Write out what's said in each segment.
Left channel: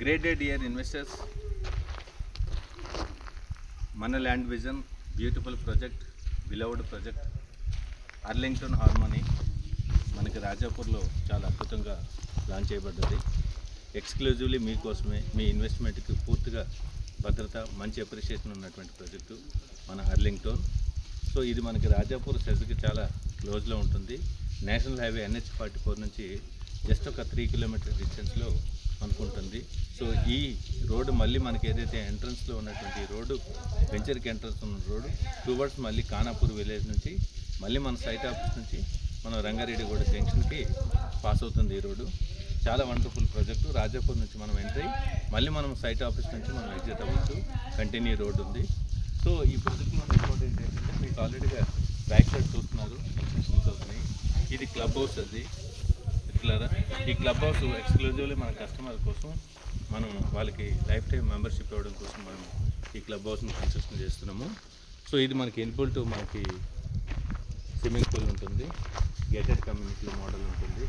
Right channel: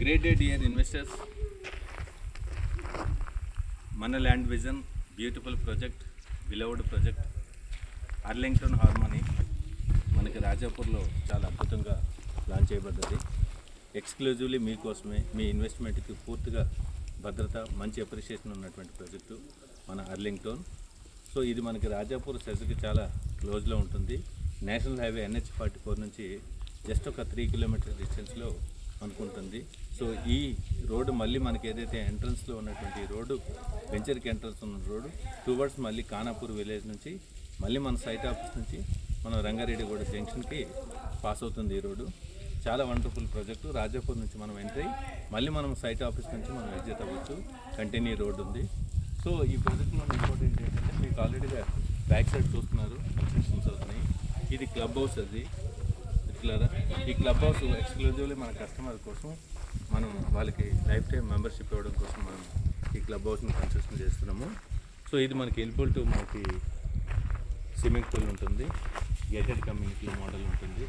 Great day, dear investors. Mana Land Vision, beautiful project, beloved project, Arlington Harmony, మనకి రాజాపూర్లో చాలా అద్భుతంగా launch చేయబడ్డది. Exclusively మీకోసమే, మీ ఇన్వెస్ట్మెంట్కి పూర్తిగా భద్రత, మంచి అప్రిషియేషన్ ఉన్నటువంటి ప్రాజెక్టు మన అర్లింగ్టన్. సో ఇది మనకి రాజాపూర్ సెజ్కి చాలా క్లోజ్లో ఉంటుంది. నేషనల్ హైవే NH44 నుంచి జస్ట్ ఒక 3 కిలోమీటర్ డిస్టెన్స్లో అనుకుంటుంది. సో ఈ రోడ్డు మళ్ళీ మనకి ఏదైతే ఎంట్రన్స్లో ఉన్నటువంటి రోడ్డు, వెంచర్కి ఎంట్రన్స్ ఉన్న రోడ్డు టువర్డ్స్ మళ్ళీ ఖానాపూర్ విలేజ్ నుంచి మళ్ళీ మన సైట్ ఆఫీస్ నుంచి మనం రంగారెడ్డిగూడ జంక్షన్కి పాస్ అవుతుంది ఈ రోడ్డు. చాలా వండర్ఫుల్ ప్రాజెక్టు. రాజాపూర్ నుంచి మనం ఎంట్రీ మళ్ళీ మనం సైట్ ఆఫీస్ నుంచి మనం ఎగ్జిట్ అవ్వచ్చు. కంటిన్యూ రోడ్డు ఉంది. సో ఈ ప్రాజెక్ట్లో ఇంపార్టెంట్ ఏంటంటే మీకు ఆల్రెడీగా బ్యాక్ సైడ్ చూస్తున్నారు, కన్స్ట్రక్షన్స్ అవుతున్నాయి. ఇది క్లబ్ హౌస్. అది ఇట్లారా ఈ క్లబ్ హౌస్ ఎక్స్క్లూజివ్లీ మన కస్టమర్ కోసం మనం వాళ్ళకి లైఫ్ టైం మెంబర్షిప్ ఇవ్వడం కోసం మనం ఈ క్లబ్ హౌస్ని కన్స్ట్రక్షన్ చేస్తున్నాము. సో ఇది మనకి ఇన్పుల్ మనకి స్విమ్మింగ్ పూల్ ఉంటుంది, గేటెడ్ కమ్యూనిటీ మోడల్ ఉంటుంది.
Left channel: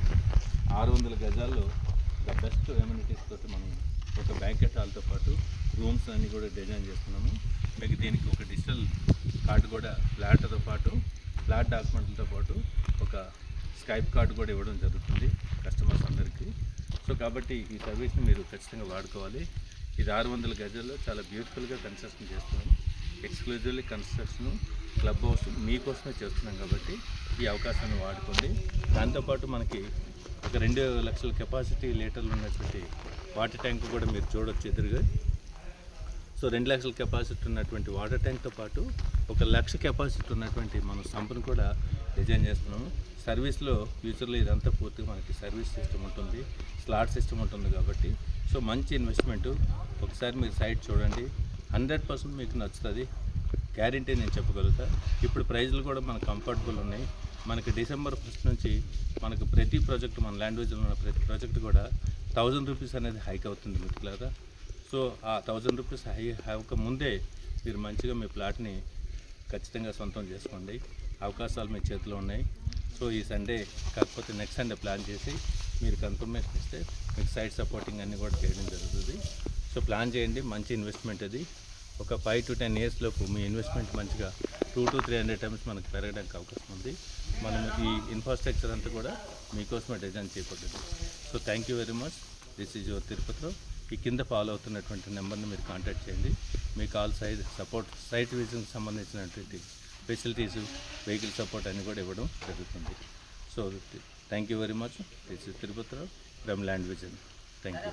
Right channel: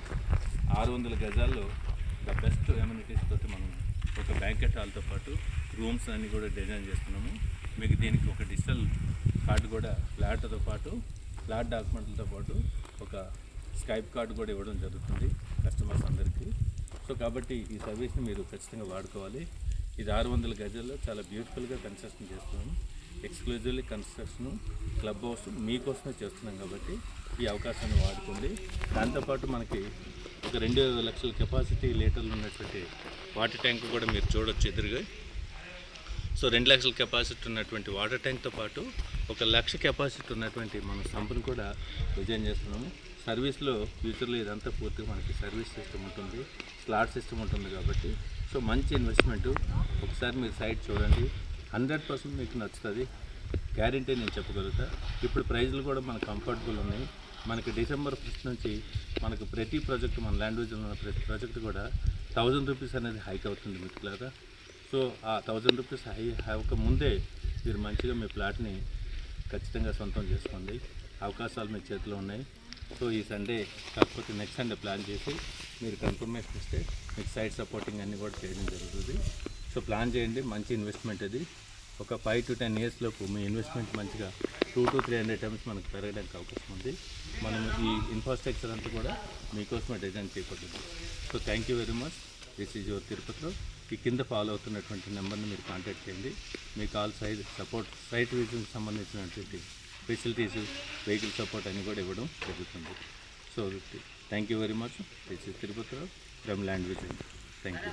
600 గజాల్లో ద బెస్ట్ ఎమ్యూనిటీస్ తోటి మనం ఒక బ్యాంకెట్ హాల్తో పాటు రూమ్స్ అన్నీ కూడా డిజైన్ చేస్తున్నాము. మీకు దీనికి ఒక డిజిటల్ కార్డు కూడా, ఫ్లాట్తో పాటు ఫ్లాట్ డాక్యుమెంట్లతో పాటు ఒక స్కైప్ కార్డు కూడా ఇవ్వడం జరుగుతుంది కస్టమర్స్ అందరికీ. సో కాబట్టి ఈ సర్వీస్ని మీరు ఖచ్చితంగా వాడుకోవాలి. ఇది 600 గజాల్లో చాలా బ్యూటిఫుల్గా కన్స్ట్రక్షన్ చేస్తున్నాము. ఎక్స్క్లూజివ్లీ కన్స్ట్రక్షన్ క్లబ్ హౌస్ మీకోసమే చేస్తున్నాం కాబట్టి ఈ అవకాశాన్ని వాడుకోండి. దాంతోపాటు మనకి ఒక 2 లక్షల కెపాసిటీ లీటర్లు ఉన్నటువంటి వాటర్ ట్యాంక్ కూడా మీరు చూడొచ్చు ఎదురుగా. సో 2 లక్షల కెపాసిటీ ఉన్నటువంటి వాటర్ ట్యాంక్తో పాటు 1 లక్ష కెపాసిటీ ఉన్నటువంటి మన సంపును కూడా డిజైన్ చేస్తున్నాము. సర్వీస్లో ఫ్యూచర్లో ఇదంతా పూర్తిగా మనకి సర్వీస్ సిస్టమ్ ఉంటుంది, స్లాట్ సిస్టమ్ ఉంటుంది కాబట్టి సో మంచి ఇన్వెస్ట్మెంటు. ఒకసారి మీరు సైట్ చూడండి, 100% మీకు నచ్చుతుంది, గ్యారంటీ నేను చెప్పగలుగుతా. ఇప్పుడు ప్రైజ్లు కూడా మనకు కంఫర్టబుల్ ఉన్నాయి. మనకి December 1st నుంచి మనకు ప్రతి ప్రాజెక్టు, మన ల్యాండ్ విజన్లో ఉన్న ప్రతి ప్రాజెక్టు కూడా 1000 రూపీస్ అనేది హైక్ అవుతుంది మిత్రులారా. సో ఆ 1000 రూపీస్ హై అవ్వక ముందే మీరు మంచిగా మీ ప్లాట్ని ఖచ్చితంగా సొంతం చేసుకోండి. అవకాశాలు మీ చేతిలో ఉన్నాయి. సో ఈ సండే కాకపోతే నెక్స్ట్ సండే ప్లాన్ చేసి మీరు కన్ఫర్మేషన్ ఇస్తే మీకు సైట్ సపోర్టింగ్ అన్నీ కూడా చేయడం జరుగుతుంది. సో ప్లాన్ చేయండి, మంచి ఇన్వెస్ట్మెంట్ అది. ఒక 5 to 10 years లోపు మీ ఇన్వెస్ట్మెంట్ మంచిగా 200 to 300 times మనకు పెరగడానికి అవకాశం ఉంది. మనం ఈ ఇన్ఫ్రాస్ట్రక్చర్ అంతా కూడా మీకోసమే డిజైన్ చేయబడింది. So thank you very much. This is your తిరుపతిలో. ఈ కింద ఫాలో అవుతున్నటువంటి నెంబర్ని మీరు కాంటాక్ట్ చేయండి. మీకు ఆల్ సైట్ విజిట్కి సంబంధించినటువంటి ఫెసిలిటీస్, వెహికల్ సపోర్ట్ అన్నీ కూడా ఇవ్వడం జరుగుతుంది. So thank you very much. This is తిరుపతిలో from Land Vision. Thank you.